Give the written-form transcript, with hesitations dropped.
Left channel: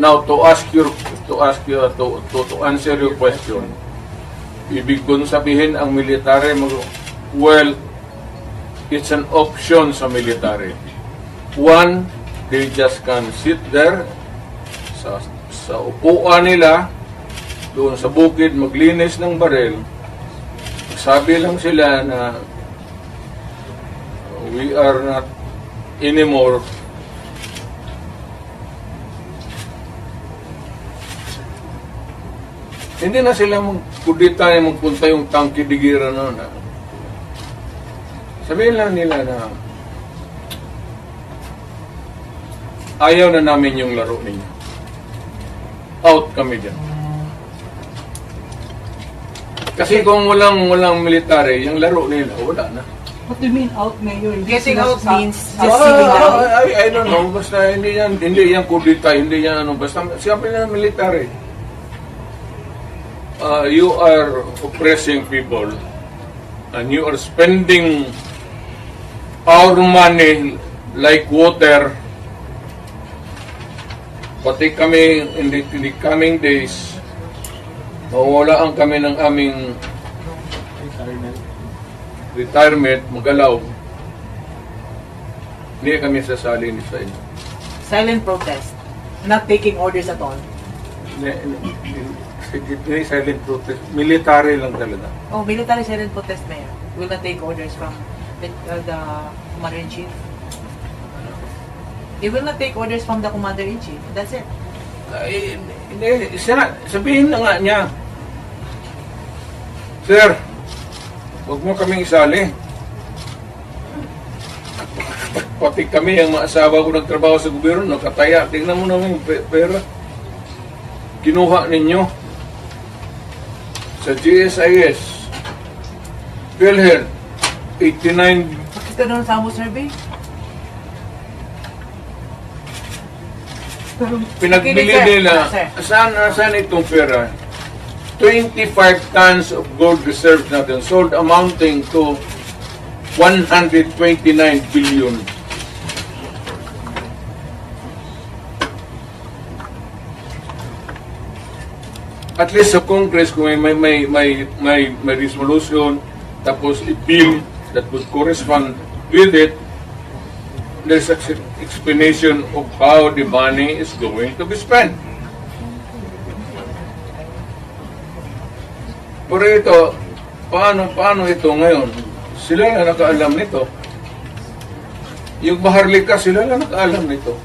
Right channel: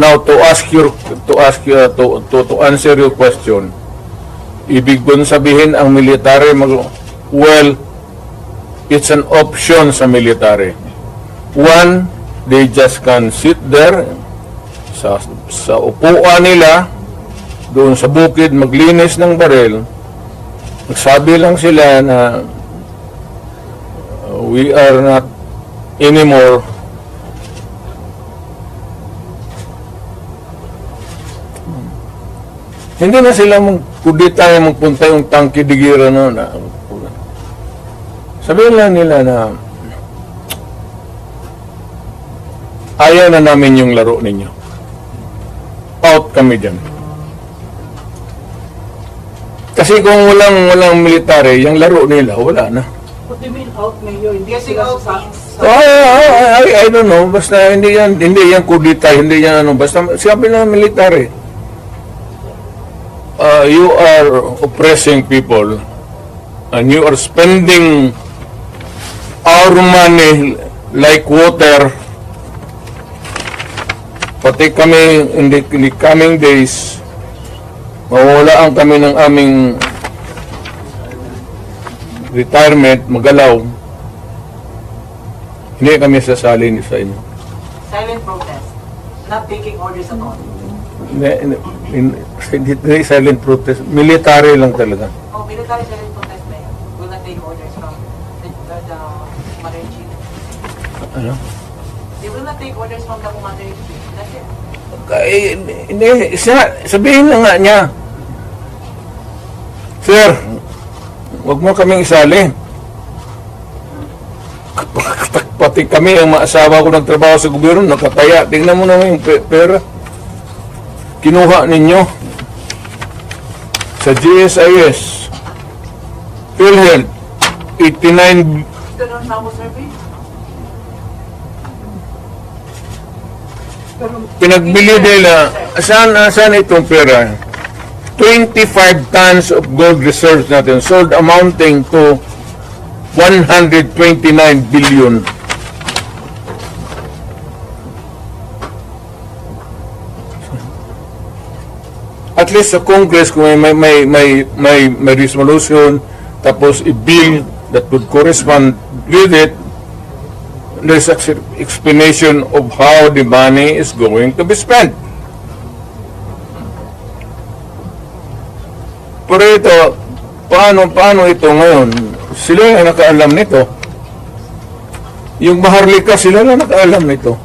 Now, to answer your question, ibig kong sabihin ang military, well, it's an option sa military. One, they just can sit there sa upuan nila, doon sa bukid, maglinis ng baril. Nagsabi lang sila na we are not anymore hindi na sila kundi tayo magpunta yung tangki digira na sabihin lang nila na ayaw na namin yung laro ninyo. Out kami dyan. Kasi kung walang military, yung laro nila, wala na. What do you mean out, Mayor? Getting out means... I don't know. Basta hindi yan kudita, hindi yan ano. Basta sabi na military. You are oppressing people and you are spending our money like water. Pati kami in the coming days, mawawalaan kami ng aming retirement, magalaw. Hindi kami sasali sa inyo. Silent protest. Not taking orders at all. Hindi silent protest. Military lang talaga. Oh, military silent protest, Mayor. Will not take orders from the Commander-in-Chief. Ano? They will not take orders from the Commander-in-Chief. That's it. Hindi, sabihin na nga niya, Sir, huwag mo kaming isali. Pati kami, ang maasawa ko nagtrabaho sa gobyerno, nakataya. Tingnan mo naman yung pera. Kinuha ninyo sa GSIS, PhilHealth, 89. Ito na sample survey? Pinagbili nila, saan itong pera? 25 tons of gold reserves natin sold amounting to 129 billion. At least sa Congress, kung may resolution, tapos i-bill that would correspond with it, there's an explanation of how the money is going to be spent. Pero ito, paano ito ngayon? Sila na nakaalam nito. Yung Maharlika, sila na nakaalam nito.